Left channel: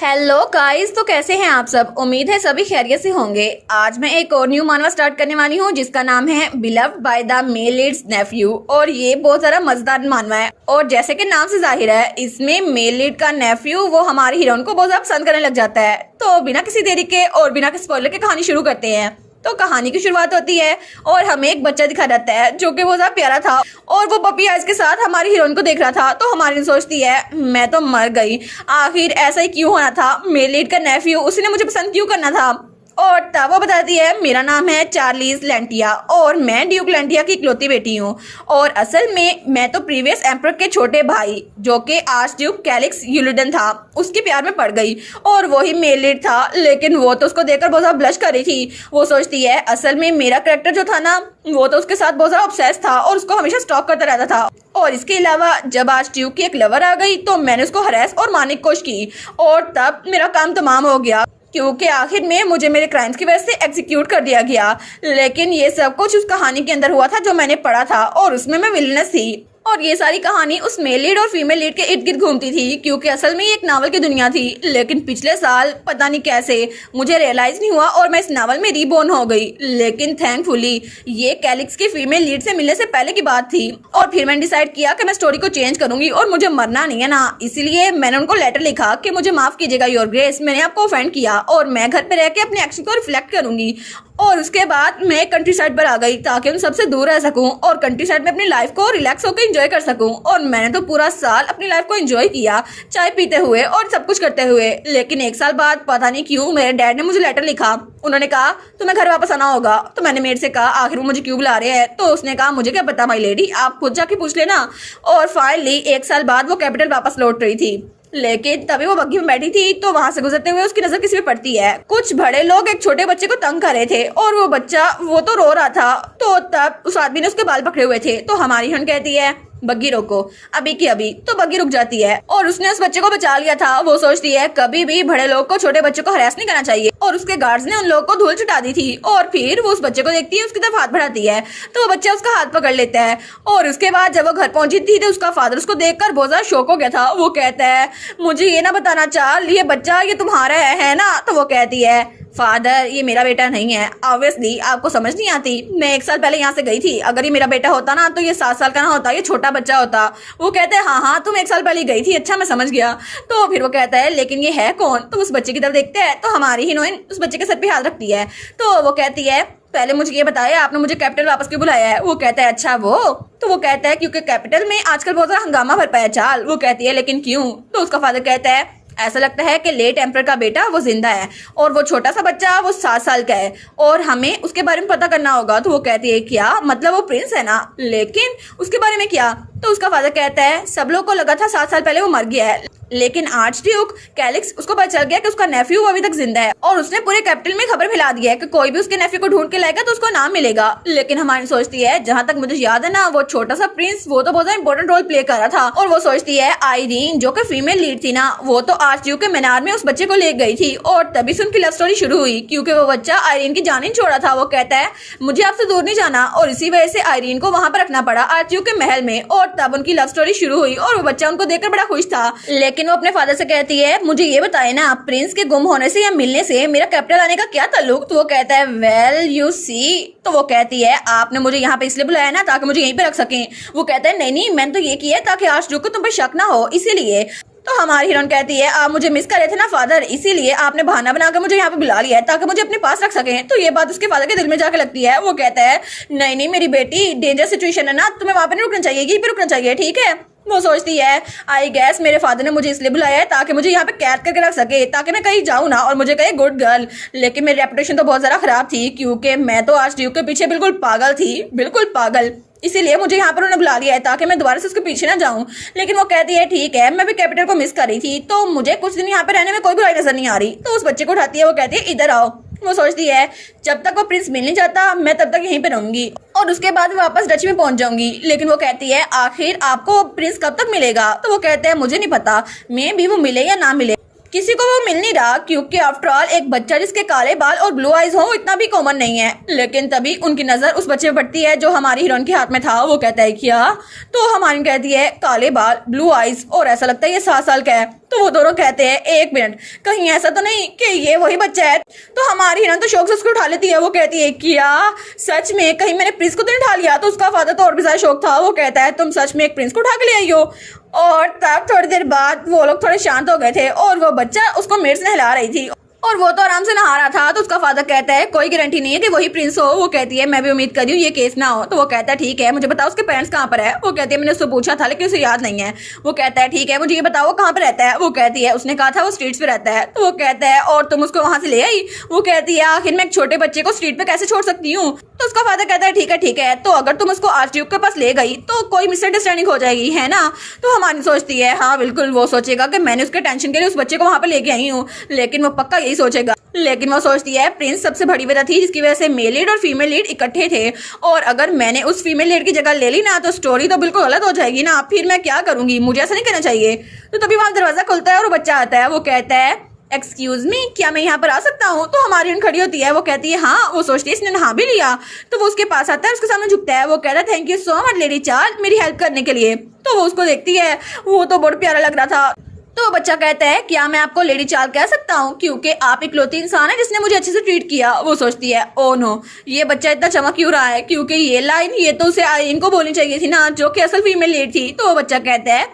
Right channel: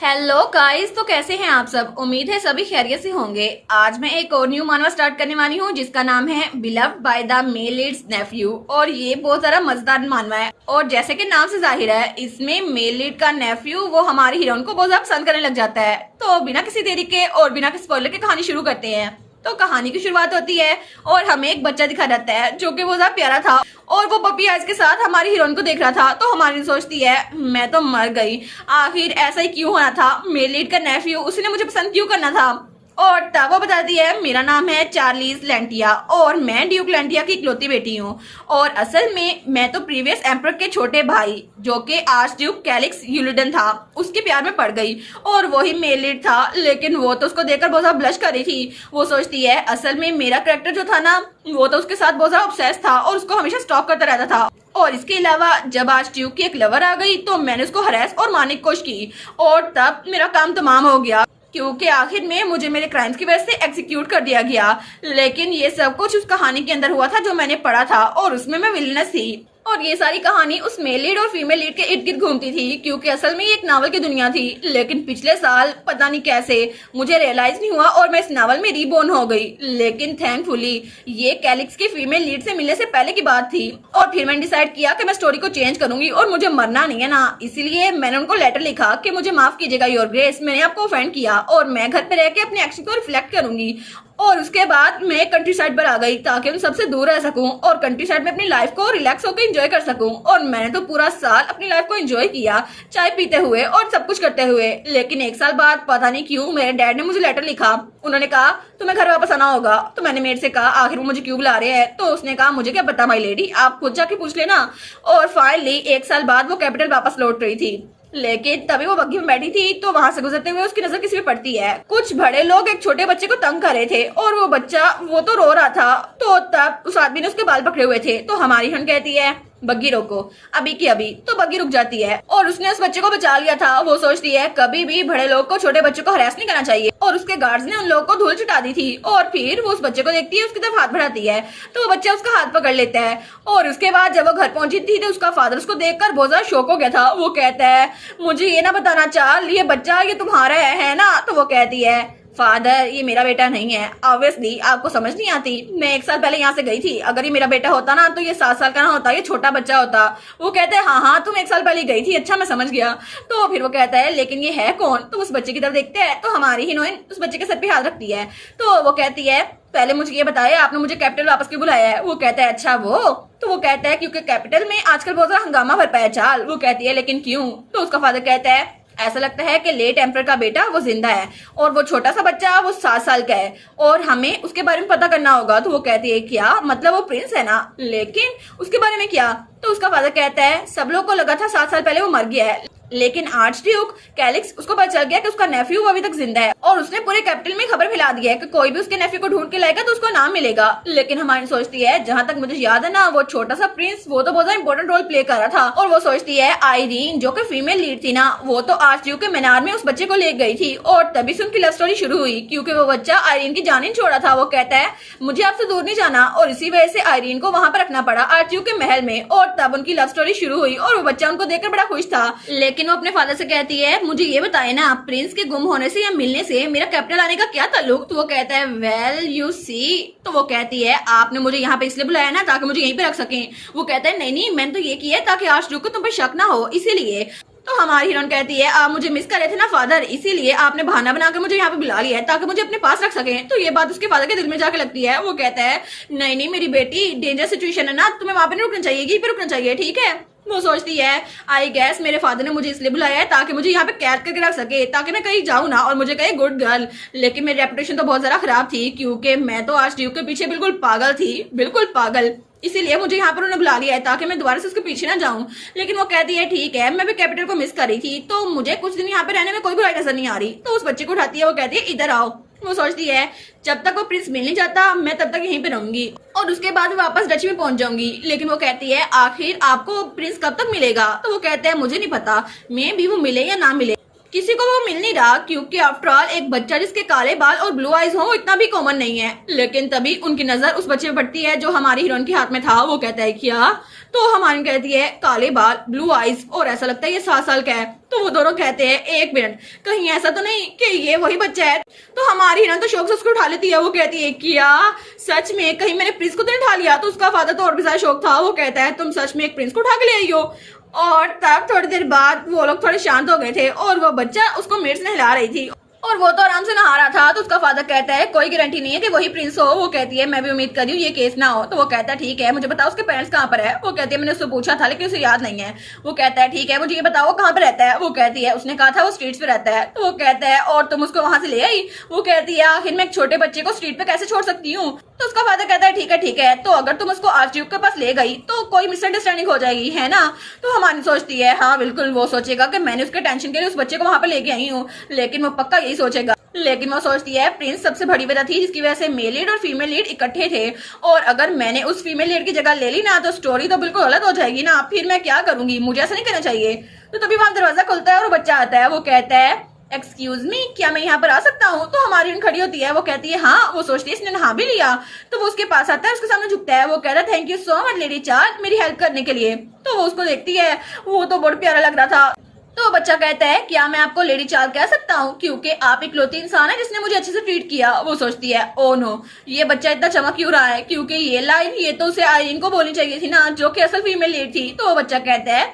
Hello guys, तो कैसे हैं आप सब। उम्मीद है सभी खैरियत से होंगे। आज मैं एक और न्यू मानवा स्टार्ट करने वाली हूँ जिसका नाम है beloved by the male lead's nephew. और ये बहुत सारा मजेदार मानवा है और जैसे कि नाम से जाहिर है इसमें मेल लीड का नेफ्यू वो हमारी हीरोइन को बहुत ज्यादा पसंद करने लग जाता है। तो बिना किसी देरी के और बिना किसी स्पॉइलर के कहानी शुरू करते हैं। तो कहानी की शुरुआत होती है और हमें एक बच्चा दिखा जाता है जो कि बहुत ज्यादा प्यारा था और वो पपी आइज के साथ हमारी हीरोइन को देख रहा था। तो हमारी सोचती है मैं तो मर गई, आखिर ऐसा ही क्यों होना था, मेरे लीड का नेफ्यू उसने मुझे पसंद क्यों करना था। और तब वो बताती है मेरा नाम है चार्लीज लेंटिया और मैं ड्यूक लेंटिया की इकलौती बेटी हूँ। और असल में मैं तो प्रीवियस एम्परर के छोटे भाई जो कि आर्च ड्यूक कैलिक्स यूलिडन था उसके प्यार में पड़ गई और वही मेल लीड था। लेकिन वो तो उसको देखकर बहुत ज्यादा ब्लश कर रही थी। वो सोचती है असल में मेरा कैरेक्टर जो था ना वो तो उसके साथ बहुत ज्यादा ऑब्सेस था और उसको हमेशा स्टॉक करता रहता था। और इसके अलावा जब आज ट्यूब की एक लवर आ गई तो मैंने उसको हरास और मारने की कोशिश की और तब मेरा काम तमाम हो गया क्योंकि आखिर में मुझे मेरे क्राइम्स की वजह से एग्जीक्यूट कर दिया गया। लेकिन ये सब कुछ उस कहानी के अंदर हुआ था जो मैंने पढ़ा था और उसमें मैं विलनेस थी। और ये सारी कहानी उस मेल लीड और फीमेल लीड के इर्द गिर्द घूमती थी क्योंकि असल में ये एक नावल की दुनिया थी। लेकिन पिछले साल पता नहीं कैसे मुझे रियलाइज नहीं हुआ और मैं इस नावल में रीबोर्न हो गई। लेकिन थैंकफुली ये कैलिक्स की फीमेल लीड से मिलने से पहले की बात थी। और फिर मैंने डिसाइड किया कि मैं स्टोरी को चेंज करूंगी और मुझे मरना नहीं है ना, इसीलिए मैंने उनको लेटर लिखा कि मुझे माफ कीजिएगा योर ग्रेस, मैंने आपको ऑफेंड किया और मैं घर पे रह के अपने एक्शन को रिफ्लेक्ट करूंगी। और उसके बाद मैं कंट्री साइड पर आ गई ताकि उन सबसे दूर रह सकूं और कंट्री साइड में अपनी लाइफ को रिलैक्स होकर एंजॉय कर सकूं। और मैंने तो पूरा साल अपनी लाइफ को एंजॉय किया, चाय पीते हुए और सब कुछ करते हुए। लेकिन एक साल बाद पता नहीं क्यों मेरे डैड ने मुझे लेटर लिखा। उन्होंने कहा तुम्हें घर वापस आना होगा। तो मैंने मेरे से कहा आखिर वो मुझे क्यों बुला रहे हैं। तो उसने कहा मुझे क्या पता माई लेडी, आप खुद जाके पूछ लेना। और फाइनली एक साल बाद वो कैपिटल वापस लौट रही थी। लेकिन तभी वो बग्गी में बैठी थी तो वहां से गुजरते हुए उसकी नजर किसी पे पड़ती है। कुछ बड़े लोग एक छोटे बच्चे को तंग कर रहे थे और वो बच्चा वो तो रो रहा था। तो तब उस आदमी ने उसके बाल पकड़े हुए थे। तो हमारी हन कहती है बग्गी रोको अभी की अभी। तो बग्गी रुक जाती है और उसने उस बच्चे को बचा लिया था। वो सोचती है कभी भी बड़े लोग को छोटे बच्चों को हरास नहीं करना चाहिए। और उसके गार्ड्स ने उन लोगों को धूल चटा दी थी। और फिर वो उस बच्चे को देखती है, उसकी तरफ हाथ बढ़ाती है तो वो बच्चा उसका हाथ पकड़ लेता है। और उसके बाद जब वो घर पहुंची थी तो उसका फादर उसको देखकर बहुत ज्यादा शॉक हो गया था। वो कहता है मुझे ये ना बताना चाल ये बच्चा ये तुम्हारा है ना। तो वो कहती है फादर ये मेरा बेटा नहीं है। ऑब्वियसली आपको समझ नहीं आती, मैं एक साल पहले यहाँ से गई थी, अगर ये मेरा बेटा होता ना तो ये 7 साल का ना होता, ये छोटा बच्चा होता। वो कहते हैं हाँ तुम एक साल पहले गई थी, अच्छा मैं समझ गया। तो फिर वो कहता है लेकिन ये है कौन। तो उस बच्चे की तरफ देखते हैं तो हमारी हीरोइन उस बच्चे के सर पे हाथ रखती है। तो वो कहती है पहले मुझे ये बताया आपने मुझे कैपिटल वापस क्यों बुलाया है। वो कहता है अच्छा वो। तो वो कहता है क्योंकि कैपिटल में आजकल बहुत सारा हंगामा भर पाया चाल। वो कहती है लेकिन क्यों। तो उसका फादर कहता है ऐसा लगता है कि लेट एम्परर का बेटा वो जिंदा है और वो छोटा सा बच्चा वो 7 साल का है और हमें उसके बारे में पता करना होगा। तो वो कहती है क्या मतलब वो प्रिंस है ना, लेकिन उसके बारे में क्या। तो उसका फादर कहता है सब लोग को लगा था 7 साल पहले वो मर गया है, लेकिन आर्च ड्यूक कैलिक्स उसको पता चल गया कि उसका नेफ्यू अभी तक जिंदा है और उसने पूरे कैपिटल में खबर फैला दी है कि कोई भी उसके नेफ्यू को ढूंढ के लाएगा तो उसको नाम मिलेगा। लेकिन हमारी सोचती है जहां तक मुझे याद है ना वो छोटा सा प्रिंस वो तो बहुत ज्यादा इंपॉर्टेंट रोल प्ले कर रहा था। और वो सोचती है आयरीन जो कि फीमेल लीड थी ना वो तो आर्च ड्यूक के मीनार में उस बच्चे को ले गई थी और तभी से उनकी लव स्टोरी शुरू हुई क्योंकि वो बच्चा आयरीन की जान ही छोड़ा था। वो कहता है मुझे आपसे दूर नहीं जाना और इसी वजह से आयरीन को वहां पर रखना पड़ा आर्च ड्यूक के महल में। और तब उनकी लव स्टोरी शुरू हुई और वो बच्चा उनको देखकर बड़ा खुश था। लेकिन वो अपने फादर से कहती है मुझे ये बताए ना प्रिंस के गुम होने से या मिलने से मेरा कैपिटल आने का क्या ताल्लुक। तो वो कहता है वेल यू सी। तो वो कहती है आपने मुझे यहाँ पे इसलिए बुलाया ना ताकि मुझे यहीं पे रख सकें। वो कहता है नहीं नहीं मैंने तो ये किया है ताकि आर्च ड्यूक को तुम पर शक ना हो इसीलिए। तो हमारी हीरोइन कहती है आप मुझे मिस कर रहे थे ना फादर, इसीलिए आपने बहाना बनाकर मुझे यहाँ पे बुला लिया है ताकि मुझे अपने पास रख सकें। तो ये बात उसके फादर के दिल में जाके लगती है। वो कहता है नहीं नहीं मेरी बेटी डेंजर सिचुएशन है ना, तुम्हें वहां पे नहीं रुकना चाहिए, यहीं पे रुकना चाहिए ठीक है। वो सोचती है आई गैस मेरे फादर ने मुझे इसलिए बुलाया है ताकि मुझे यहाँ पे कैद करके रख सके ताकि मैं कहीं जाऊँ ना और मुझे कहे गुड गर्ल। लेकिन मेरी रेपुटेशन तो बहुत ज्यादा खराब थी क्योंकि मैं तो आर्च ड्यूक के पीछे बिल्कुल पागल थी, बिल्कुल पागल, इसीलिए मुझे यहाँ पर उन्होंने बुला लिया है ताकि मैं दोबारा से उसके पीछे ना जाऊं। लेकिन वो कहती है ठीक है मैं भी कैपिटल को मिस कर रही थी तो मुझे कुछ दिन यहाँ पे रहने में कोई बुराई नजर नहीं आ रही। तो उस बच्चे को उठाती है, वो कहती है इधर आओ। वो सोचती है जब तक वो प्रिंस मिल नहीं जाता मैं तब तक यहीं पे रहूंगी और उसके बाद वापस डच में पहुंच जाऊंगी। लेकिन वो कहती है आखिर आपको प्रिंस कब तक मिलेगा। तो वो कहते हैं मुझे नहीं पता, मे भी वो मिले या ना मिले। किसी को वो मिल नहीं रहा, क्योंकि आफ्टर ऑल एक बच्चा जिसके काले बाल और ब्लू आईज हो इतना भी कॉमन नहीं है। लेकिन तभी उनकी नजर उस बच्चे पर पड़ती है जो हमारी हीरोइन के हाथ में था। वो कहता है क्या? तो हमारी कहती है काले बाल, ब्लू आईज, और ऐसा लगता है ये 7 साल का है। तो वो दोनों कहते हैं 1 मिनट, कहीं ऐसा तो नहीं कि ये वही बच्चा है? तो हमारी हीरोइन तो शौक से उसको उठा लेती है। वो कहती है क्या सच में? कहीं मैंने प्रिंस को तो नहीं उठा लिया? तो उसका फादर तो और भी ज्यादा शौक था। वो कहता है तुम सच में एक प्रिंस को उठा के ले आई हो? और तब थोड़ी देर बाद वो लोग थोड़े शांत हो गए थे और वो बच्चा उसको मेरे से नहला रही थी और वो तो आराम से नहा रहा था। तो उसका फादर कहता है कोई गारंटी नहीं है कि वही प्रिंस हो। वो कहती है मैं भी उम्मीद कर रही हूँ ये केस ना हो। तो वो कहता है ठीक है मुझे बताओ उसके पेरेंट्स कहाँ पर है? वो कहती है मैंने उससे पूछा था लेकिन उसे याद नहीं है। वो कहता है ठीक है मुझे ये बताओ वो कहाँ पे रहता है? वो कहती है उसने कहा था वो स्ट्रीट्स पे रहता है। तो वो कहता है और तुम उसको वहां से ले आई? वो कहती है आखिर मैं एक छोटे बच्चे को स्ट्रीट पे कैसे छोड़ सकती हूँ? तो उसका फादर कहता है ठीक है तो अगर तुम उसको आर्चड्यूक के पास ले गई तो कोई मिसअंडरस्टैंडिंग हो जाएगी, है ना? तो हमारी सोचती है हाँ बिल्कुल, वो सोचेगा कि मैंने उसके टेंशन के लिए उस बच्चे को वहां पे लेके आई हूँ, लेकिन वो पक्का यही सोचेगा। लेकिन वो सोचती है प्रिंस सबसे बड़ी वजह थी जिसकी वजह से मेल लीड और फीमेल लीड इकट्ठे थे, और अगर मैंने उस फीमेल लीड की जगह ले ली ना तो स्टोरी तो बिल्कुल गलत हो जाएगी ना, फिर मैं क्या करूंगी? मुझे ऐसा नहीं करना चाहिए। तो तभी वहां दरवाजा खुलता है और बच्चा आता है। वो कहता है एक्सक्यूज मी, क्या मैं यहाँ पर आ सकता हूँ? तो हमारी खड़ी होती है। वो कहती है हाँ। वो सोचती है इसने नहा भी लिया। तो वो उसके पास आता है, उसके सामने झुकता है। वो कहता है thank you so much lady Charles मेरी हेल्प करने के लिए। तो वो उसको देखती है, वो तो बहुत प्यारा लग रहा था। तो बच्चा कहता है क्या मैं आपको लेडी चार्ल्स कह सकता हूँ क्योंकि आप इकलौती इंसान है जिसने मुझे अच्छे से ट्रीट किया। वो सोचती है ओ नो, ये बच्चा इतना चमक क्यों रहा है, क्योंकि ये लाइन ये तो उसे आईरिन को बोलनी चाहिए थी ना, जो कि असल फीमेल लीड थी। तो वो बच्चा कहता है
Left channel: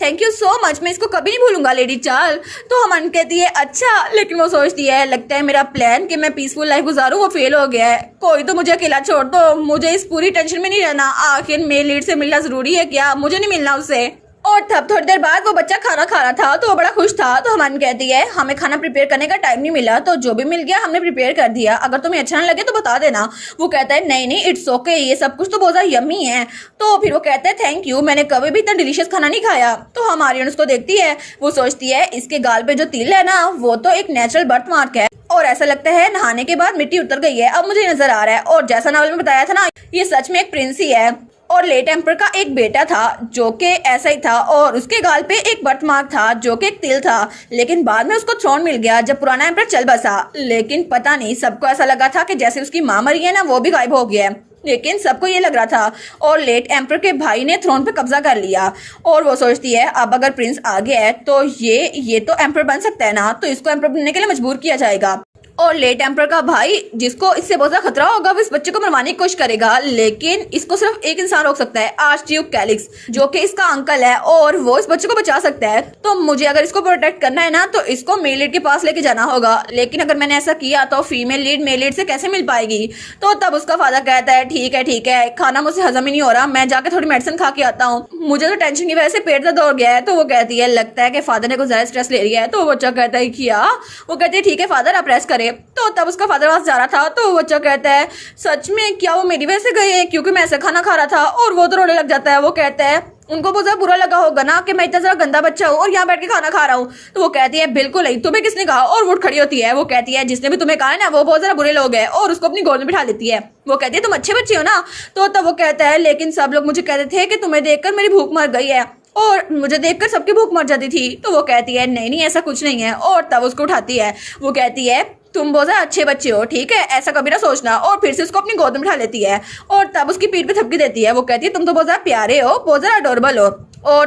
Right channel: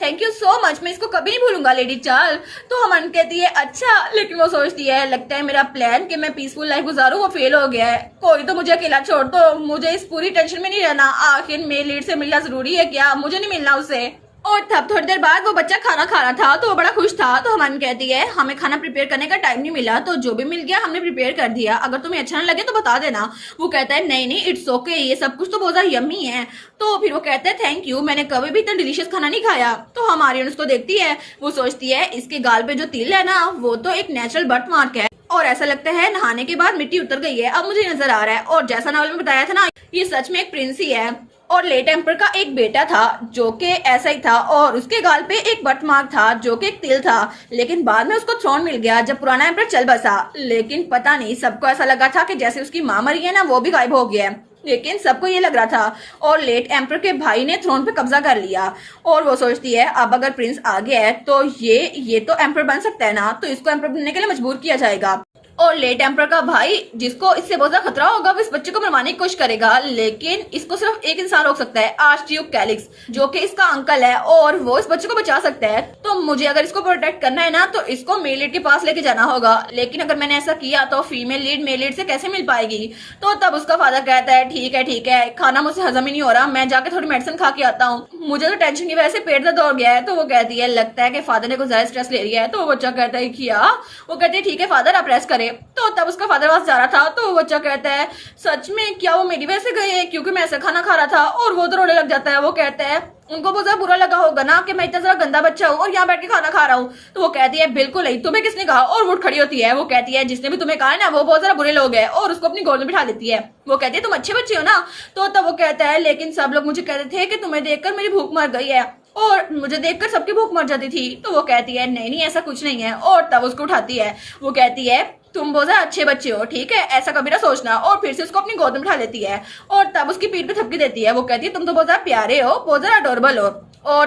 थैंक यू सो मच, मैं इसको कभी नहीं भूलूंगा लेडी चार्ल्स। तो अमन कहती है अच्छा, लेकिन वो सोचती है लगता है मेरा प्लान कि मैं पीसफुल लाइफ गुजारूं वो फेल हो गया है। कोई तो मुझे अकेला छोड़ दो, मुझे इस पूरी टेंशन में नहीं रहना। आखिर मेल लीड से मिलना जरूरी है क्या? मुझे नहीं मिलना उससे। और तब थोड़ी देर बाद वो बच्चा खाना खा रहा था तो वो बड़ा खुश था। तो हमान कहती है हमें खाना प्रिपेयर करने का टाइम नहीं मिला, तो जो भी मिल गया हमने प्रिपेयर कर दिया, अगर तुम्हें अच्छा ना लगे तो बता देना। वो कहता है नहीं इट्स ओके, ये सब कुछ तो बहुत ज्यादा यम्मी है। तो फिर वो कहता है थैंक यू, मैंने कभी भी इतना डिलीशियस खाना नहीं खाया। तो हमारी उसको देखती है, वो सोचती है इसके गाल पे जो तिल है ना वो तो एक नेचुरल बर्थ मार्क है, और ऐसा लगता है नहाने के बाद मिट्टी उतर गई है, अब मुझे नजर आ रहा है। और जैसा नावल में बताया था ना, ये सच में एक प्रिंस ही है। और लेट एम्पर का एक बेटा था जो कि ऐसा ही था, और उसके गाल पे एक बर्थ मार्क था जो कि एक तिल था, लेकिन बाद में उसको थ्रोन मिल गया जब पुराना एम्पर चल बसा। लेकिन पता नहीं, सबको ऐसा लगा था कि जैसे उसकी माँ मरी है ना वो भी गायब हो गया है, लेकिन सबको ये लग रहा था। और लेट एम्पर के भाई ने थ्रोन पे कब्जा कर लिया, और वो सोचती है अब अगर प्रिंस आ गया है तो ये तो एम्पर बन सकता है ना, तो इसको एम्पर बनने के लिए मजबूर किया जाएगा। और लेट एम्पर का भाई जिसको इससे बहुत ज्यादा खतरा होगा वो इस बच्चे को मरवाने की कोशिश करेगा, लेकिन इसको सिर्फ एक इंसान रोक सकता है, आर्चड्यूक कैलिक्स, जो कि इसका अंकल है, और वो इस बच्चे को बचा सकता है। तो मुझे अगर इसको प्रोटेक्ट करना है ना तो इसको मेल लीड के पास लेके जाना होगा, लेकिन अगर मैंने ऐसा किया तो फीमेल लीड मेल लीड से कैसे मिल पाएगी? तो तब उसका फादर कहता है ठीक है, खाना मुझसे हजम ही नहीं हो रहा, मैं जाके थोड़ी मेडिसिन खा के आता हूँ, मुझे तो टेंशन की वजह से पेट दर्द हो गया है। तो वो कहती है लगता है कि फादर ने कुछ ज्यादा स्ट्रेस ले लिया है। तो वो बच्चा कहता है क्या? वो कहती है ठीक है फादर आप रेस्ट करें। तो तब उसका फादर वहां जा रहा था, तो बच्चा कहता है सच में क्या वो मेरी वजह से गए हैं, क्योंकि मैं ऐसा खाना खा रहा था? और वो तो रोने लग जाता है। वो कहता है उनको बहुत ज्यादा बुरा लगा होगा ना कि मैं इतना ज्यादा गंदा बच्चा हूँ और यहाँ बैठ के खाना खा रहा हूँ। तो वो कहती है बिल्कुल नहीं, तुम्हें किसने कहा? और वो खड़ी होती है। वो कहती है जिसने भी तुम्हें कहा ना वो बहुत ज्यादा बुरे लोग हैं, और उसको अपनी गोद में बिठा लेती है। वो कहती है तुम अच्छे बच्चे हो ना? तो तब वो कहता है लेकिन सब लोग मुझे कहते थे कि तुम्हें देखकर मेरी भूख मर गई है, और मुझे देखकर सबकी भूख मर जाती थी। तो वो कहती है नहीं ऐसा कुछ नहीं है, और तब उसको उठाती है। वो कहती है तुम बहुत ज्यादा अच्छे बच्चे हो, ठीक है, ऐसा कभी ना सोचना। और फिर से उसको अपनी गोद में उठा लेती है, और तब उसकी पीठ पे थपकी देती है। वो कहती है तुम तो बहुत ज्यादा प्यारे हो, बहुत ज्यादा अडोरेबल हो, और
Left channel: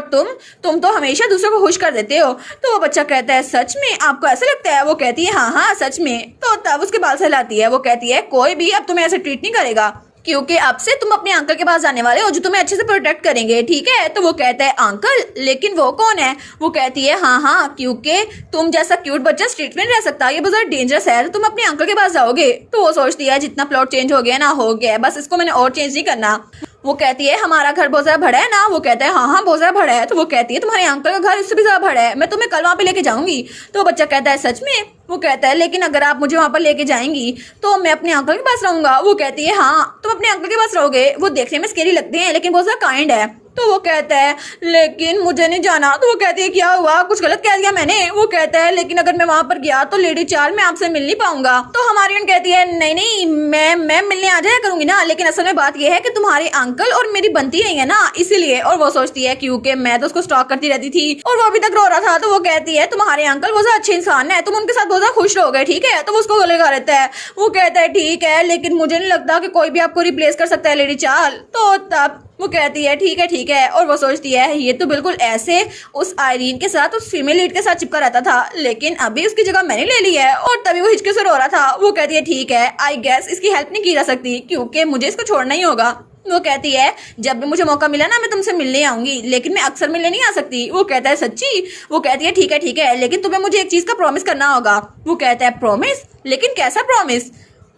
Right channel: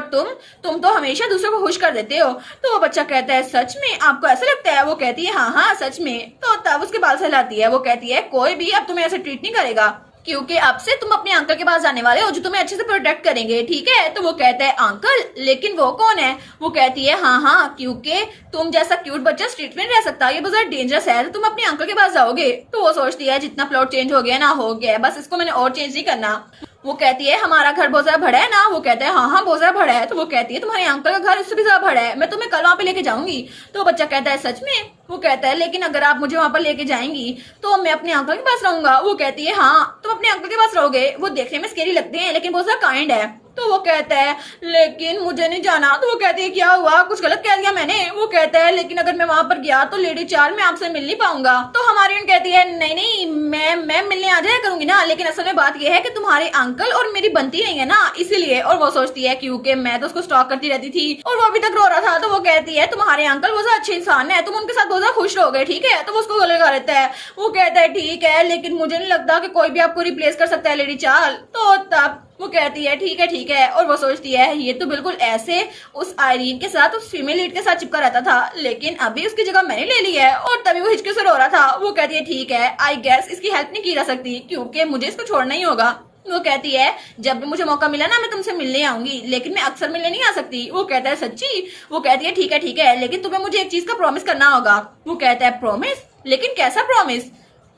तुम तो हमेशा दूसरों को खुश कर देते हो। तो वो बच्चा कहता है सच में आपको ऐसा लगता है? वो कहती है हाँ सच में। तो तब उसके बाल सहलाती है। वो कहती है कोई भी अब तुम्हें ऐसे ट्रीट नहीं करेगा, क्योंकि अब से तुम अपने अंकल के पास जाने वाले हो जो तुम्हें अच्छे से प्रोटेक्ट करेंगे, ठीक है? तो वो कहता है अंकल, लेकिन वो कौन है? वो कहती है हाँ क्योंकि तुम जैसा क्यूट बच्चा स्ट्रीट में नहीं रह सकता, ये बहुत डेंजरस है, तो तुम अपने अंकल के पास जाओगे। तो वो सोचती है जितना प्लॉट चेंज हो गया ना हो गया, बस इसको मैंने और चेंज नहीं करना। वो कहती है हमारा घर बहुत ज्यादा बड़ा है ना? वो कहता है हाँ बहुत ज्यादा बड़ा है। तो वो कहती है तुम्हारे अंकल का घर इससे भी ज्यादा बड़ा है, मैं तुम्हें कल वहां पे लेके जाऊंगी। तो बच्चा कहता है सच में? वो कहता है लेकिन अगर आप मुझे वहां पर लेके जाएंगी तो मैं अपने अंकल के पास रहूंगा। वो कहती है हाँ तुम अपने अंकल के पास रहोगे, वो देखने में स्केरी लगते हैं लेकिन बहुत ज्यादा काइंड है। तो वो कहता है लेकिन मुझे नहीं जाना। तो वो कहती है क्या हुआ, कुछ गलत कह दिया मैंने। वो कहता है लेकिन अगर मैं वहां पर गया तो लेडी चार्ल मैं आपसे मिल नहीं पाऊंगा। तो हमारी कहती है नहीं नहीं मैं मिलने आ जाया करूंगी ना, लेकिन असल में बात यह है कि तुम्हारे अंकल और मेरी बनती नहीं है ना, इसीलिए। और वो सोचती है क्योंकि मैं तो उसको स्टॉक करती रहती थी और वो अभी तक रो रहा था। तो वो कहती है तुम्हारे अंकल बहुत अच्छे इंसान है, तुम उनके साथ बहुत खुश रहोगे, ठीक है। तो वो उसको गले लगा लेता है। वो कहता है ठीक है लेकिन मुझे नहीं लगता कि कोई भी आपको रिप्लेस कर सकता है लेडी चार्ल। तो तब वो कहती है ठीक है। और वो सोचती है ये तो बिल्कुल ऐसे उस आयरीन के साथ, उस फीमेल लीड के साथ चिपका रहता था, लेकिन अभी उसकी जगह मैंने ले ली है। और तभी वो हिचके से रो रहा था। वो कहती है ठीक है, आई गेस इसकी हेल्प नहीं की जा सकती क्योंकि मुझे इसको छोड़ना ही होगा। वो कहती है जब भी मुझे मौका मिला ना मैं तुमसे मिलने आऊंगी, लेकिन मैं अक्सर मिलने नहीं आ सकती। वो कहता है सच्ची। वो कहती है ठीक है लेकिन तुम्हें मुझे एक चीज का प्रॉमिस करना होगा। वो कहता है प्रॉमिस, लेकिन कैसा प्रॉमिस।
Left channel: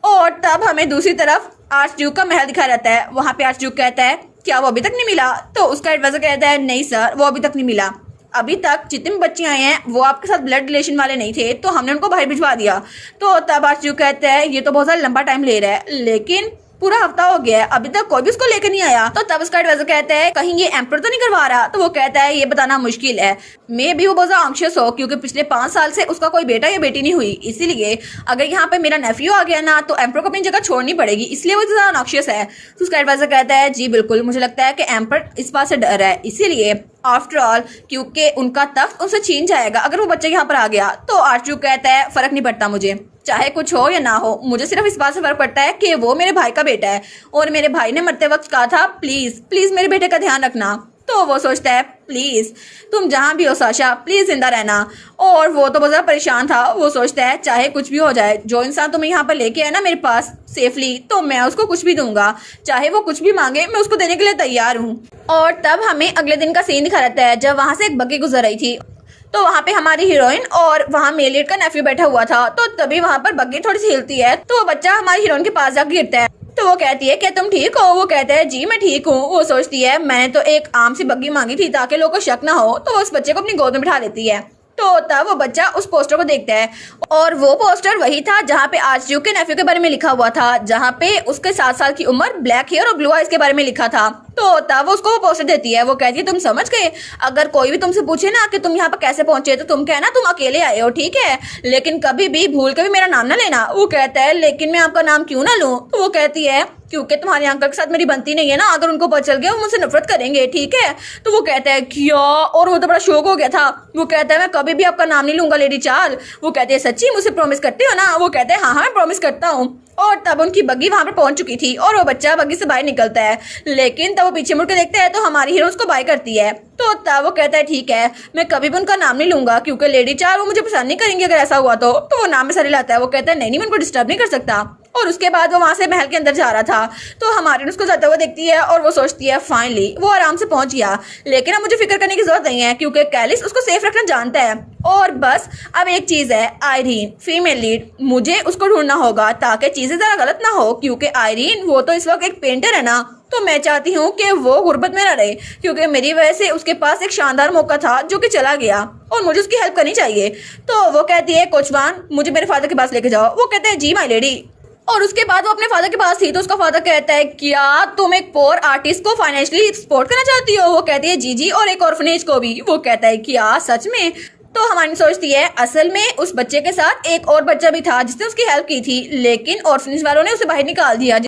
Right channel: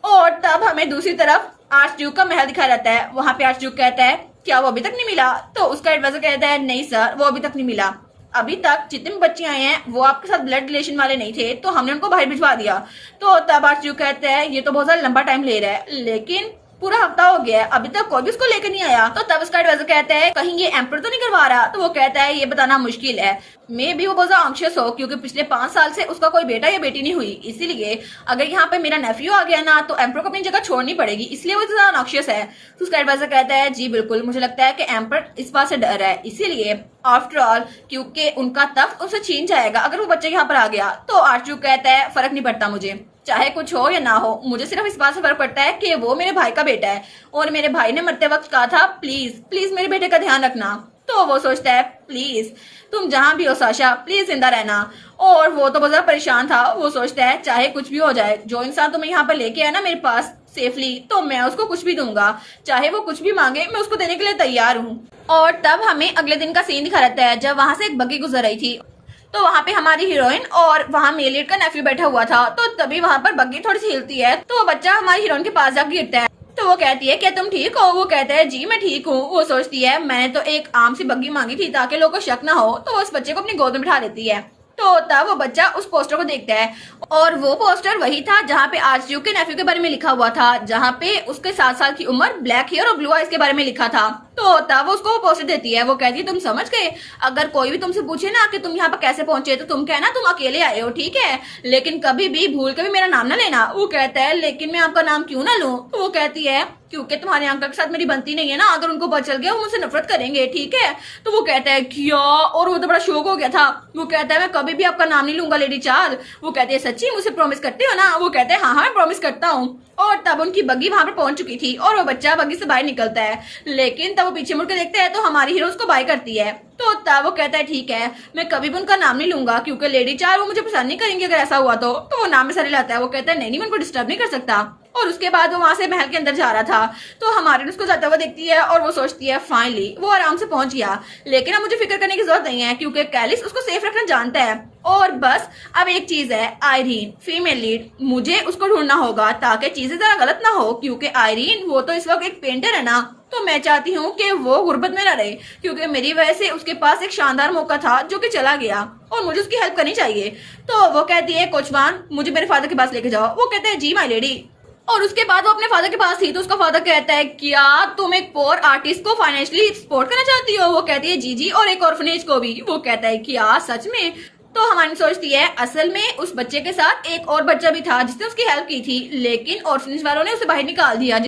और तब हमें दूसरी तरफ आर्च ड्यूक का महल दिखा रहता है। वहां पे आर्च ड्यूक कहता है क्या वो अभी तक नहीं मिला। तो उसका एडवाइजर कहता है नहीं सर वो अभी तक नहीं मिला, अभी तक जितने भी बच्चे आए हैं वो आपके साथ ब्लड रिलेशन वाले नहीं थे तो हमने उनको बाहर भिजवा दिया। तो तब आर्च ड्यूक कहता है ये तो बहुत ज्यादा लंबा टाइम ले रहा है, लेकिन पूरा हफ्ता हो गया है अभी तक कोई भी उसको लेकर नहीं आया। तो तब उसका एडवाइजर कहता है कहीं ये एम्पर तो नहीं करवा रहा। तो वो कहता है ये बताना मुश्किल है, मे भी वो बहुत ज्यादा एंग्शियस हो क्योंकि पिछले 5 साल से उसका कोई बेटा या बेटी नहीं हुई, इसीलिए अगर यहाँ पे मेरा नेफ्यू आ गया ना तो एम्पर को अपनी जगह छोड़नी पड़ेगी, इसलिए वो ज्यादा एंग्शियस है। तो उसका एडवाइजर कहता है जी बिल्कुल, मुझे लगता है कि एम्पर इस बात से डर है, इसीलिए आफ्टर ऑल क्योंकि उनका तख्त उनसे छीन जाएगा अगर वो बच्चे यहाँ पर आ गया। तो आर्चू कहता है फर्क नहीं पड़ता मुझे, चाहे कुछ हो या ना हो, मुझे सिर्फ इस बात से फर्क पड़ता है कि वो मेरे भाई का बेटा है और मेरे भाई ने मरते वक्त कहा था प्लीज प्लीज मेरे बेटे का ध्यान रखना। तो वो सोचता है प्लीज तुम जहां भी हो साशा प्लीज जिंदा रहना। और वो तो बहुत ज्यादा परेशान था। वो सोचता है चाहे कुछ भी हो जाए, जो इंसान तुम्हें यहाँ पर लेके आया ना मेरे पास सेफली, तो मैं उसको कुछ भी दूंगा, चाहे वो कुछ भी मांगे मैं उसको देने के लिए तैयार हूँ। और तब हमें अगले दिन का सीन दिखा रहता है जब वहां से एक बग्गी गुजर रही थी। तो वहाँ पे हमारी हीरोइन और वहाँ मेलिड का नेफ्यू बैठा हुआ था। तो तभी वहाँ पर बग्गी थोड़ी सी हिलती है तो वो बच्चा हमारी हीरोइन के पास जाकर गिरता है। तो वो कहती है क्या तुम ठीक हो। वो कहता है जी मैं ठीक हूँ। वो सोचती है मैंने तो एक आम सी बग्गी मांगी थी ताकि लोगों को शक ना हो, तो उस बच्चे को अपनी गोद में बिठा लेती है। तो तब वो बच्चा उस पोस्टर को देखता है और वो पोस्टर वही था जहाँ पे आर्चड्यूक के नेफ्यू के बारे में लिखा हुआ था, जहाँ पे उसके 7 साल की उम्र, ब्लैक हेयर और ब्लू आइज के बारे में लिखा था। तो तब वो उसको वो पोस्टर देती है। वो कहती है तुम समझ गए, अगर कोई भी तुमसे पूछे ना कि तुम यहाँ पर कैसे पहुंचे तो तुम कहना तुम अकेले आए हो, ठीक है, लेकिन कभी भी भूल के भी मेरा नाम ना लेना। वो कहता है लेकिन मैं आपका नाम क्यों ना लूं। तो वो कहती है क्योंकि तुम्हारे अंकल के साथ मेरी बनती नहीं है ना, अगर उनको पता चल गया वो मुझसे नफरत करेंगे, ठीक है। तो वो कहता है क्या, और वो तो बड़ा शौक हो गया था। वो कहता है मैं कभी भी आपका नाम नहीं लूंगा लेडी चार्ल। वो कहते हैं सच्ची मुझे प्रॉमिस करते हो ना। वो कहते हैं हाँ मैं प्रॉमिस करता हूँ। और तब उनकी बग्गी वहां पर पहुंच चुकी थी और वो बच्चा बग्गी से बाहर निकलता है, लेकिन तब वो पीछे मुड़ के देखता है तो हमारी हीरो उसको बाय करती है। तो तब वो कहता है ठीक है मैं कभी भी उनका नाम नहीं लूंगा क्योंकि लेडी चार्ल वो मुझे पसंद नहीं करेंगे अगर ऐसा हुआ तो वो नाम में सर लाता है। वो कहता है नहीं मैं उनको डिस्टर्ब नहीं कर सकता। और उसके बाद वो वहां से महल के अंदर जा रहा था तो हमारी उसको जाते हुए देखती है और वो सोचती है फाइनली वो आराम से पहुंच गया, लेकिन अब मुझे फिक्र करने की जरूरत नहीं है क्योंकि कैलिस उसको सेफ रखना जानता है। और बस अब एक चीज है, आयरीन फीमेल लीड, मुझे उसको ढूंढना होगा ताकि चीजें जरा गलत ना हो क्योंकि आयरीन वो तो इस वक्त एक पेंटर है ना, तो मैं चाहती हूँ कि वो गुर्बत में न रहे क्योंकि मेरी वजह से उसके पास एक शानदार मौका था जो कि चला गया और मुझे उसकी हेल्प करनी चाहिए। तो वो कहती है कोचवान मुझे मेरे फादर के पास लेके जाओ। वो कहते हैं जी माय लेडी। और उसके बाद वो अपने फादर के पास थी तो उसका फादर कहता है क्या तुम एक पोर आर्टिस्ट को फाइनेंशियली सपोर्ट करना चाहती हो। वो कहती है जी और एक ऑर्फनेज को भी। वो कहता है क्या सच में। तो हमारी सोचती है असल में उस बच्चे के साथ एक और बच्चा भी था जिसने उसकी हेल्प की थी, लेकिन ऑर्फनेज वालों ने उसे बाहर निकाल दिया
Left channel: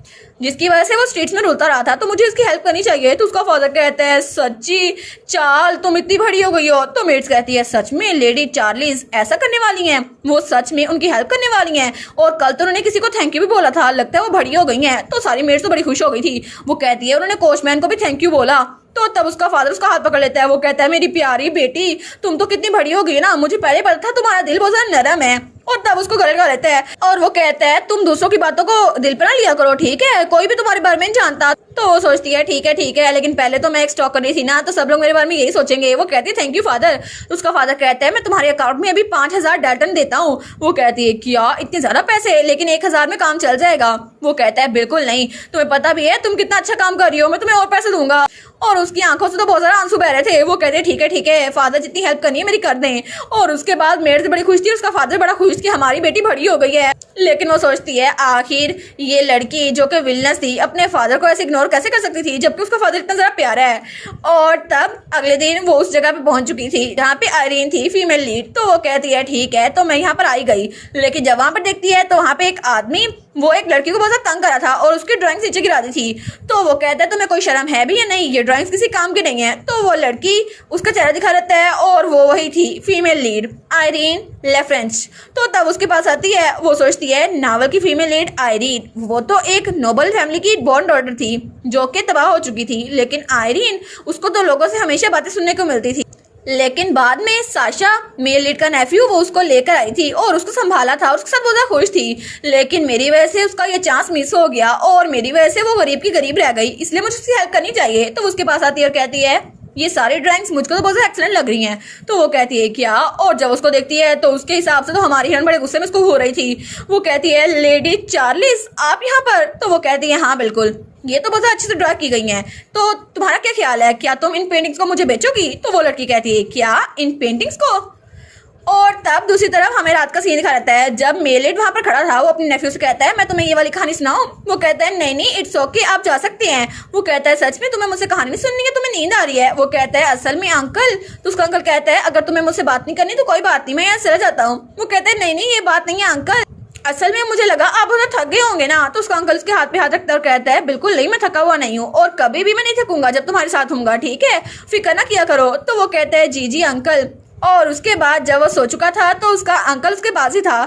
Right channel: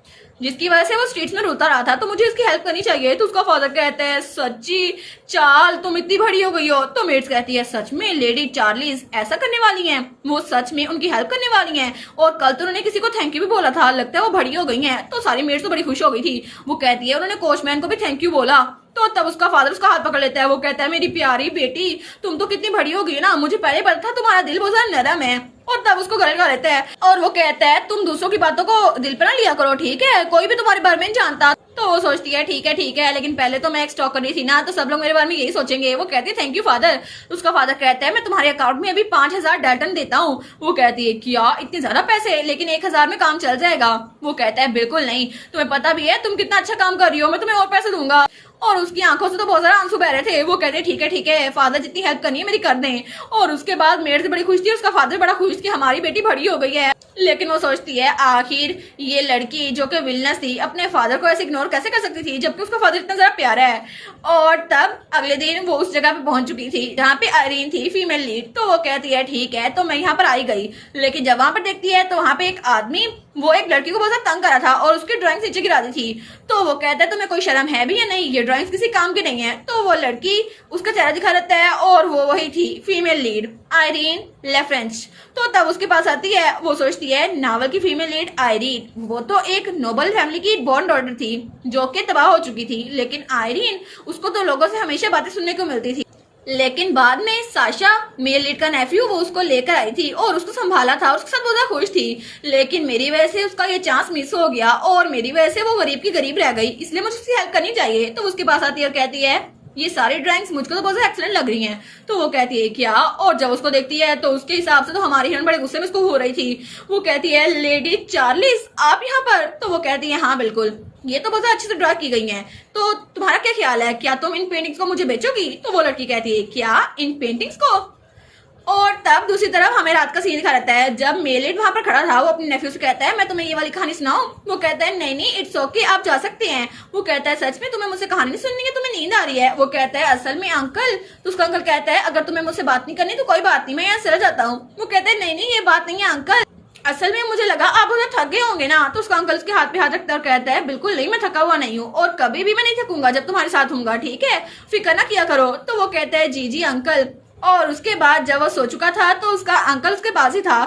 जिसकी वजह से वो स्ट्रीट्स में रोता रहा था, तो मुझे उसकी हेल्प करनी चाहिए। तो उसका फादर कहता है सच्ची चार्ल तुम इतनी बड़ी हो गई हो। तो मेट्स कहती है सच में लेडी चार्लिस ऐसा करने वाली हैं, वो सच में उनकी हेल्प करने वाली हैं और कल तो उन्होंने किसी को थैंक यू भी बोला था, लगता है वो बड़ी हो गई हैं। तो सारी मेट्स तो बड़ी खुश हो गई थी। वो कहती है उन्होंने कोचमैन को भी थैंक यू बोला। तो तब उसका फादर उसका हाथ पकड़ लेता है। वो कहता है मेरी प्यारी बेटी तुम तो कितनी बड़ी हो गई ना, मुझे पहले पता था तुम्हारा दिल बहुत ज्यादा नरम है। और तब उसको गले लगा लेता है और वो कहता है तुम दूसरों की बातों को दिल पर ना लिया करो, ठीक है, कोई भी तुम्हारे बारे में नहीं जानता। तो वो सोचती है ठीक है लेकिन पहले तो मैं एक स्टॉक कर रही थी ना, तो सब लोग मेरे बारे में यही सोचेंगे। वो कहती है थैंक यू फादर। उसका फादर कहता है मैं तुम्हारे अकाउंट में अभी 5000 डाल्टन देता हूँ। वो कहती है क्या इतने ज्यादा पैसे, लेकिन 1000 में काम चल जाएगा। वो कहता है बिल्कुल नहीं, तुम्हें पता भी है तुम कितना अच्छा काम कर रही हो, मैं तुम्हें और पैसे दूंगा। और उसकी आंखों से तो बहुत सारे आंसू बह रहे थे। वो कहते हैं ठीक है फादर जितनी हेल्प करनी है मेरी कर दें। और उसके बाद मेरे से बड़ी खुश थी, उसका फादर बड़ा खुश कंफ्यूज कि हमारी बेटी बड़ी हो गई है। लेकिन वो सोचती है आखिर ये लड़की जो कि विलनेस थी अपने फादर को ऐसे इग्नोर कैसे कर सकती थी जबकि उसका फादर इतना ज़्यादा प्यारा है। और तब अगले दिन वो उस जगह पे पहुंच चुकी थी जहाँ पे आयरीन थी फीमेल लीड। तो वो कहती है ठीक है तो मैं यहाँ पर आई गई, लेकिन जब वहाँ पर देखती है तो वहाँ पे एक आदमी वो एक लड़की को बहुत ज़्यादा तंग करा था और उसकी ड्राइंग नीचे गिरा दी थी। तो वो कहता है तुम्हें कोई शर्म है भी या नहीं, ये ड्राइंग्स किसी काम की नहीं है। तो वो लड़की उसका चेहरा दिखा देता है और वो वही थी फीमेल लीड आयरीन लेफ्रेंच। तो तब उसके पास आती है, वो सोचती है नावल की फीमेल लीड आयरीन वो तो एक नोबल फैमिली की बॉर्न डॉटर थी जो कि तबाह हो चुकी थी, लेकिन आयरीन उसको तो लोगों से हमेशा बातें सुनने को मिलती थी। लेकिन बाद में साशा मेल लीड का नेफ्यू वो उसको लेकर आई थी और उसको संभाला था और उसके साथ बहुत ज्यादा खुश थी। लेकिन मेरी वजह से उसका ये चांस मिस हो गया और मेरी वजह से वो गरीब की गरीब रह गई, इसलिए मुझे उसकी हेल्प करनी चाहिए। तो उसके पास आती है और कहती है ये सारी ड्राइंग्स मुझको तो बहुत एक्सीलेंट लग रही हैं। तो वो कहती है क्या, और जब उसको देखती है तो उसके हिसाब से तो हमारी हिरन बड़े गुस्से में उसको हो रही थी। वो कहती है लेडी चार्लिस आप यहाँ पर? तो वो कहती है हाँ बिल्कुल, ये तो बहुत अच्छे से ड्रा की गई हैं, तो तुम्हारा क्या ख्याल है, क्या तुम इन पेंटिंग्स को मुझे बेचोगी? तो वो लड़की कहती है क्या इन पेंटिंग्स को? और तब दूसरी तरफ हमें रात का सीन दिखा रहता है जब मेलिड वहां पर खड़ा था। वो अपने नेफ्यू से कहता है मैं तुम्हें ये वाली कहानी सुनाऊं? वो कहता है नहीं नहीं इट्स ओके आप जा सकते हैं। वो कहता है सच में तुम्हें मुझसे कहानी नहीं सुननी है, तुम्हें नींद आ रही है? वो कहता है असल में अंकल। तो उसका अंकल कहता है अगर तुम्हें मुझसे बात नहीं करनी तो कोई बात नहीं, मैं यहाँ चला जाता हूँ। वो कहता है नहीं नहीं ये बात नहीं है अंकल, असल में मुझे लगा आप बहुत थक गए होंगे ना। तो उसका अंकल उसके हाथ पे हाथ रखता है और कहता है बिल्कुल नहीं मैं थका हुआ नहीं हूँ और कभी भी मैं नहीं थकूंगा जब तुम्हारे साथ हूँगा, ठीक है फिक्र ना किया करो। तो वो कहता है जी जी अंकल। और उसके बाद जब वो सो चुका था तो उसका अंकल उसके पास ही था।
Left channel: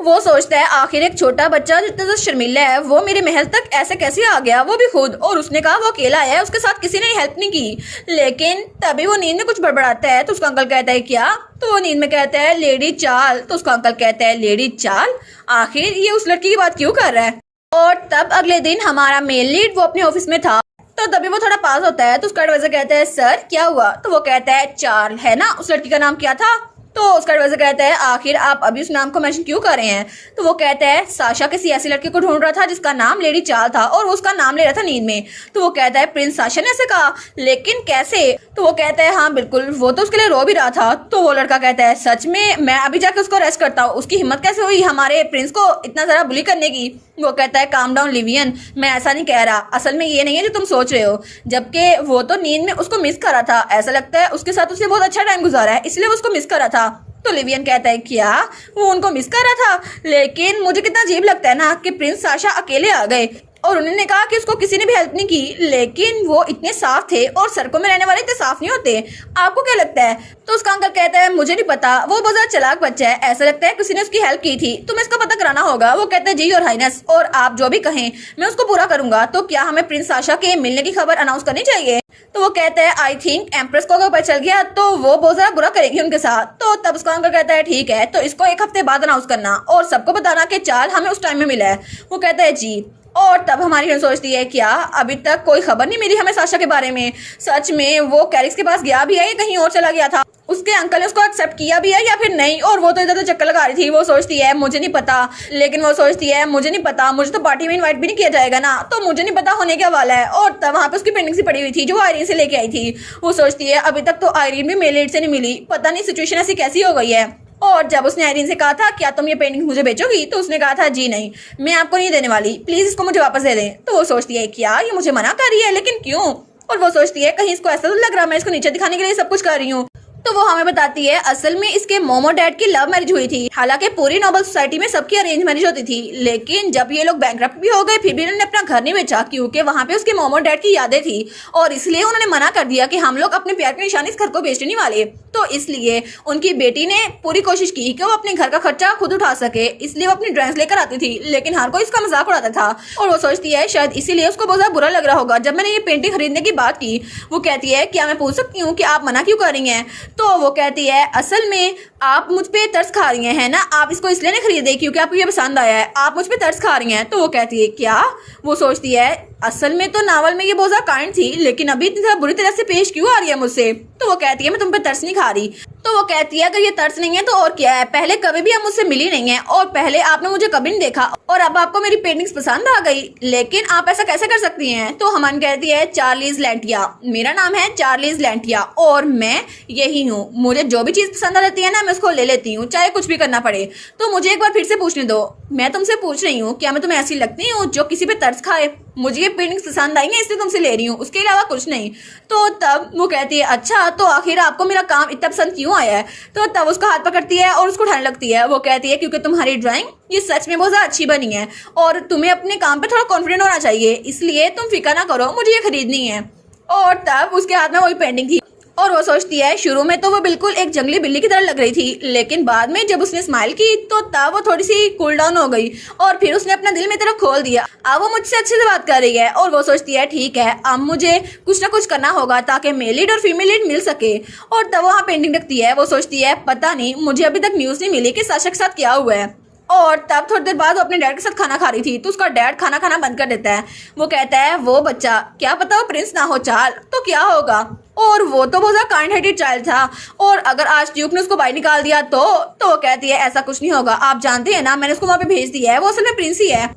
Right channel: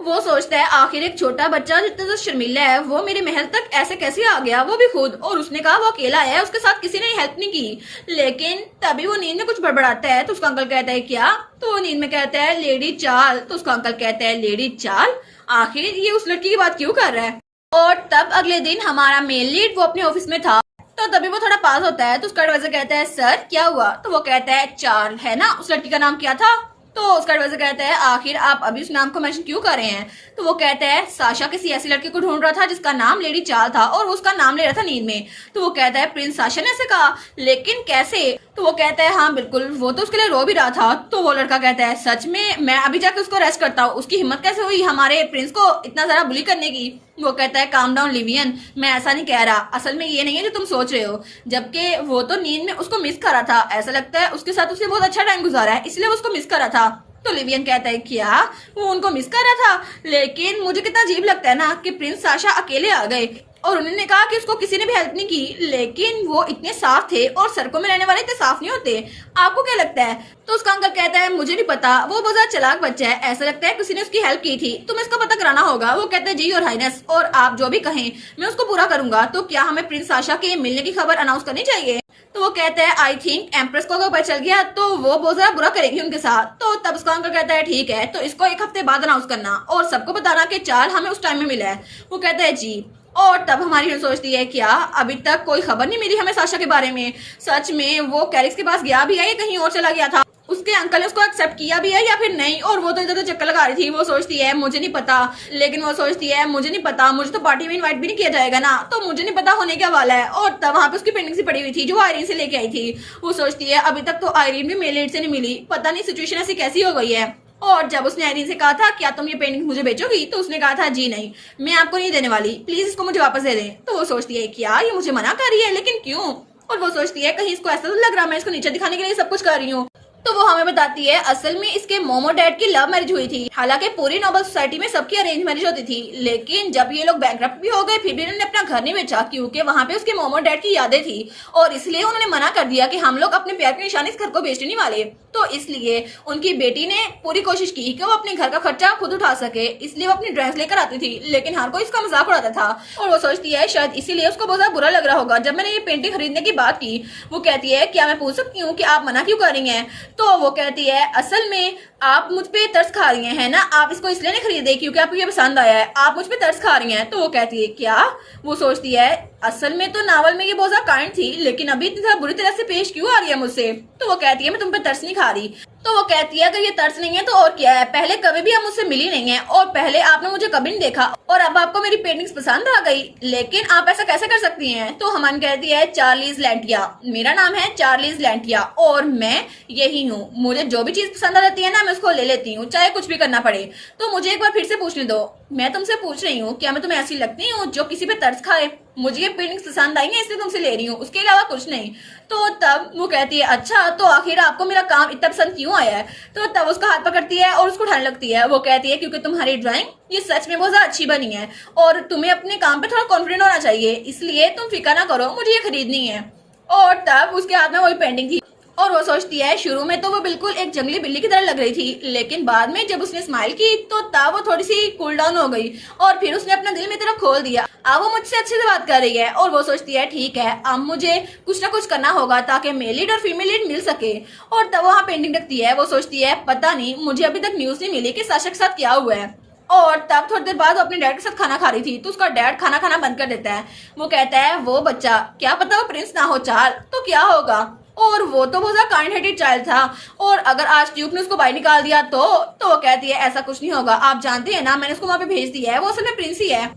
वो सोचता है आखिर एक छोटा बच्चा जितना तो शर्मिला है वो मेरे महल तक ऐसे कैसे आ गया, वो भी खुद। और उसने कहा वो अकेला है, उसके साथ किसी ने हेल्प नहीं की। लेकिन तभी वो नींद में कुछ बड़बड़ाता है तो उसका अंकल कहता है क्या? तो वो नींद में कहता है लेडी चार्ल। तो उसका अंकल कहता है लेडी चार्ल, आखिर ये उस लड़की की बात क्यों कर रहा है? और तब अगले दिन हमारा मेल लीड वो अपने ऑफिस में था तो तभी वो थोड़ा पास होता है तो उसका एडवाइजर कहता है सर क्या हुआ? तो वो कहता है चार्ल है ना, उस लड़की का नाम क्या था? तो उसका एडवाइजर कहता है आखिर आप अभी उस नाम को मेंशन क्यों कर रहे हैं? तो वो कहता है साशा किसी ऐसी लड़की को ढूंढ रहा था जिसका नाम लेडी चार्ल था और वो उसका नाम ले रहा था नींद में। तो वो कहता है प्रिंस साशा ने ऐसे कहा, लेकिन कैसे? तो वो कहता है हाँ बिल्कुल वो तो उसके लिए रो भी रहा था। तो वो लड़का कहता है सच में? मैं अभी जाकर उसको अरेस्ट करता हूँ, उसकी हिम्मत कैसे हुई हमारे प्रिंस को इतना ज्यादा बुली करने की? वो कहता है काम डाउन लिवियन, मैं ऐसा नहीं कह रहा, असल में ये नहीं है जो तुम सोच रहे हो। जबकि वो तो नींद में उसको मिस कर रहा था, ऐसा लगता है उसके साथ उसने बहुत अच्छा टाइम गुजारा है इसलिए वो उसको मिस कर रहा था। तो लिवियन कहता है क्या वो उनको मिस कर रहा था? लेकिन मुझे कितना अजीब लगता है ना कि प्रिंस साशा अकेले आ गए और उन्होंने कहा कि उसको किसी ने भी हेल्प नहीं की, लेकिन वो इतने साफ थे और सड़कों में रहने वाले इतने साफ नहीं होते, आपको क्या लगता है? तो उसका अंकल कहता है मुझे नहीं पता, वो बहुत ज्यादा चालाक बच्चा है, ऐसा लगता है किसी ने उसकी हेल्प की थी, तुम्हें इसका पता कराना होगा। वो कहता है जी योर हाइनेस, और आप जो भी कहें मैं उसको पूरा करूंगा। तो क्या हमें प्रिंस साशा के मिलने की खबर अनाउंस करनी चाहिए? तो वो कहता है आई थिंक एम्प्रेस को अगर पता चल गया तो वो बहुत ज्यादा बुरा करेगी उनके साथ। तो तब उसका अंकल कहता है ठीक है तो इसको एक हफ्ते बाद अनाउंस करना और सबको बताना कि चार्ल हमें उस टाइम में मिला है। वो कहता है जी। और तब हमारी हिरन सोचती है क्या अभी तक कोई खबर नहीं मिली हमें साशा के बारे में? सच में वो कैरिक्स के पास गया भी है या कहीं और चला गया था? उसके अंकल ने उसको एक्सेप्ट किया भी है या फिर नहीं? और वो तो इधर तो चक्कर लगा रही थी। वो सोचती है मुझे नहीं पता, लेकिन वो सोचती है मुझे नहीं पता, मुझे तो पार्टी में इनवाइट भी नहीं किया जाएगा ना, तो मुझे नहीं पता होने क्या वाला है। और तब वहां पे उसकी पेंटिंग सी पड़ी हुई थी जो आयरीन से लेके आई थी। वो सोचती है अभी तक तो आयरीन भी मेल से नहीं मिली, पता नहीं सिचुएशन ऐसी कैसी हो गई है। और जब उसने आयरीन से कहा था क्या तुम ये पेंटिंग मुझे बेचोगी, तो उसने कहा था जी नहीं मैं आपको नहीं देने वाली, प्लीज इसको मुझे वापस दे दें। तो वो सोचती है क्या ये मुझे मना कर रही है, लेकिन क्यों? और वो सोचती है कहीं इसको ऐसा तो लग रहा मैं इसको नीचे दिखाने के लिए सब कुछ कर रही हूँ। तो वो हमें बताती है असल में इसके मोमो डैड की लव मैरिज हुई थी। हालांकि पूरी नोबल सोसाइटी में सबकी अरेंज मैरिज होती थी, लेकिन जब ये लोग बैंकरप्ट भी हो गए फिर भी उन्होंने अपना घर नहीं बेचा क्योंकि वहां पे उसके मोमो डैड की यादें थी और इसलिए उन्होंने मना कर दिया कि हम लोग अपने प्यार की निशानी इस घर को बेचने नहीं वाले। तो इसलिए उनकी बेटी ने पूरी कोशिश की कि वो अपने घर का खर्चा खुद उठा सके, इसलिए वो अपनी ड्रेस लेकर आती थी, लेकिन हर कोई इसका मजाक उड़ाता था। और वो सोचती है शायद इसीलिए उसको बहुत ज्यादा बुरा लग रहा होगा जब मैंने ये पेंटिंग खरीदने की बात की। वो कहती है क्या मैं पूछ सकती हूँ कि आप मना क्यों कर रही हैं? तो वो कहती है असल में आप मुझ पे तरस खा रही हैं, है ना, आप इसको इसलिए नहीं खरीदे क्योंकि आपको ये पसंद आया है, आप मुझ पे तरस खा रही हैं। तो वो कहती है क्या? वो सोचती है असल में तो नावल में ये बहुत ज्यादा काइंड थी, लेकिन अभी इतनी बुरी तरह से पेश क्यों आ रही है मुझसे? तो वो कहती है मैं तुम पे तरस नहीं खा रही। तो वो कहती है अगर ये तरस नहीं है तो और क्या है, पहले कभी भी आप मुझसे मिली नहीं है और पहले आपने मुझे कभी नहीं देखा और अब आपको मेरी पेंटिंग्स पसंद आ गई, लेकिन आप ऐसा कैसे कर सकती हैं? तो हमन कहती है चार्लीज लैंटिया, मेरा नाम है चार्लीज लैंटिया और मैं यही हूँ, मुझे जो भी चीज पसंद रहती है ना मैं उसको ले लेती हूँ, चाहे कुछ भी करना पड़े। तो मुझे एक बार फिर से पूछने दो, मैं तुमसे पूछ रही हूँ, क्या मैं तुम्हें ऐसी लगती हूँ जो किसी पे तरस खाए? मुझे ये पेंटिंग्स पसंद आई है इसलिए तुमसे ले रही हूँ, उसके अलावा कुछ नहीं। तो तब वो कहती है अच्छा तो आखिर आपको मेरा काम इतना पसंद क्यों आया है? तो तब उसका हाथ पकड़ती है और उसको उठाने लगती है। वो कहती है क्योंकि तुम्हारी ड्राइंग ये सच में बहुत ज्यादा अच्छी बनी है और तुम्हें अपने काम पे थोड़ा कॉन्फिडेंट होना चाहिए, इसलिए तुम फिक्र ना करो, मुझे ये खरीदनी है। और तब उसके हाथ में वही पेंटिंग थी और वो सोचती है शुरू में तो वो बिल्कुल एक जंगली बिल्ली की तरह लग रही थी, लेकिन बाद में जब उसने स्माइल की तो तब वो थोड़ी सी कूल डाउन हो गई और फिर उसने अपना दिल में तरफ खोल दिया। अब वो मुझसे अच्छे से बात कर रही है और वो सोचती है ठीक है अब मुझे कुछ ना कुछ करना होगा ताकि मेल लीड और फीमेल लीड मिल सके। और तब वहाँ पेंटिंग रखती है। वो सोचती है पता नहीं मुझे अभी तक न्यूज नहीं मिली कि साशा के साथ क्या हुआ है। और तब थोड़ी देर बाद वो अपने डैड के साथ खाना खा रही थी तो उसका डैड खाना खाना बंद कर देता है। वो कहता है वो बच्चा क्या पता वो प्रिंस ना हो चाल तो क्या होगा। और वो तो बहुत ज्यादा काइंड हार्टेड चाइल्ड था और अगर आज ड्यूक ने उसको बाहर निकाल दिया तो वो कहती है ऐसा कुछ नहीं होगा, आप जानते हैं ना मैंने उसको वहां पे भेज दिया है, वो असल में प्रिंस ही है।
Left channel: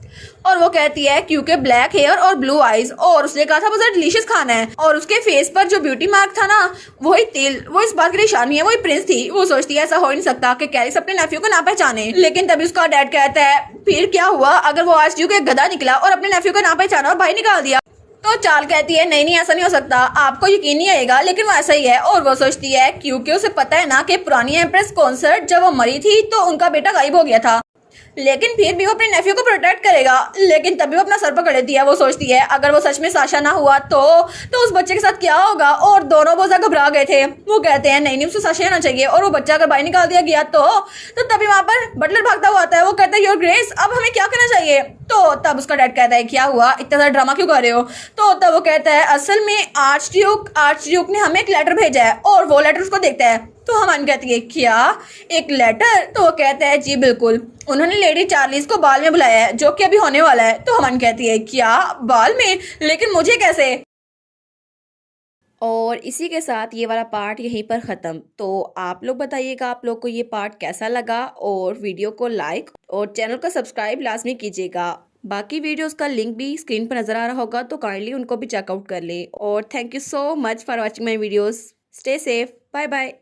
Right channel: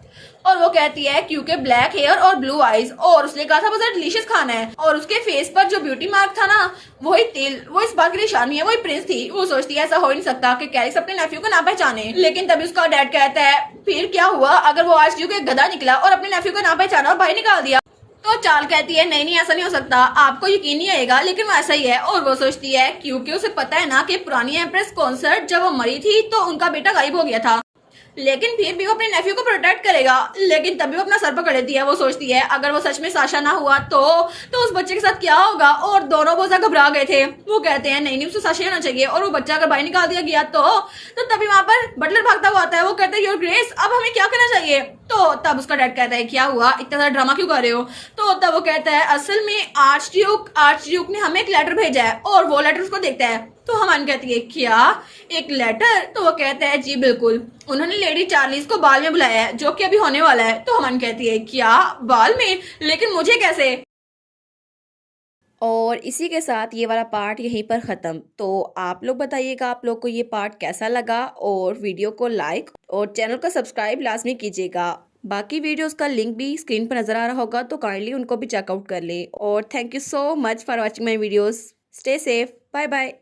और वो कहती है क्योंकि ब्लैक हेयर और ब्लू आईज और उसने कहा था बहुत डिलीशियस खाना है और उसके फेस पर जो ब्यूटी मार्क था ना वही तिल, वो इस बात की निशानी है, वही प्रिंस थी। वो सोचती है ऐसा हो ही नहीं सकता कि कैरिस अपने नेफ्यू को ना पहचाने। लेकिन तभी उसका डैड कहता है फिर क्या हुआ अगर वो आज ड्यूक एक गधा निकला और अपने नेफ्यू को ना पहचाना और बाहर निकाल दिया। तो चाल कहती है नहीं नहीं ऐसा नहीं हो सकता, आपको यकीन नहीं आएगा लेकिन वो ऐसा ही है। और वो सोचती है क्योंकि उसे पता है ना कि पुरानी एम्प्रेस कॉन्सर्ट जब वो मरी थी तो उनका बेटा गायब हो गया था, लेकिन फिर भी वो अपने नेफ्यू को प्रोटेक्ट करेगा। लेकिन तभी वो अपना सर पकड़ लेती है। वो सोचती है अगर वो सच में साशा ना हुआ तो उस बच्चे के साथ क्या होगा। और दोनों बहुत ज्यादा घबरा गए थे। वो कहते हैं नहीं नहीं उसे साशा होना चाहिए और वो बच्चा अगर बाहर निकाल दिया गया तो तभी वहां पर बटलर भागता हुआ आता है। वो कहता है योर ग्रेस अब हमें क्या करना चाहिए। तो तब उसका डैड कहता है क्या हुआ इतना ज्यादा ड्रामा क्यों कर रहे हो। तो तब वो कहता है असल में आर्च ड्यूक ने हमें एक लेटर भेजा है और वो लेटर उसको देखता है। तो हमान कहती है क्या एक लेटर। तो वो कहता है जी बिल्कुल, उन्होंने लेडी चार्लीज को बाल में बुलाया है जो कि अभी होने वाला है। तो हमान कहती है क्या बाल में, लेकिन मुझे कैसे। और इसी के साथ ये वाला पार्ट यहीं पर ख़त्म। तो आप लोग बताइएगा आप लोग को ये पार्ट कैसा लगा और वीडियो को लाइक और चैनल को सब्सक्राइब लाजमी कीजिएगा। बाकी वीडियोस का लिंक भी स्क्रीन पर नज़र आ रहा होगा तो काइंडली उनको भी चेकआउट कर ले। और thank you so much for watching my videos. Stay safe, bye bye.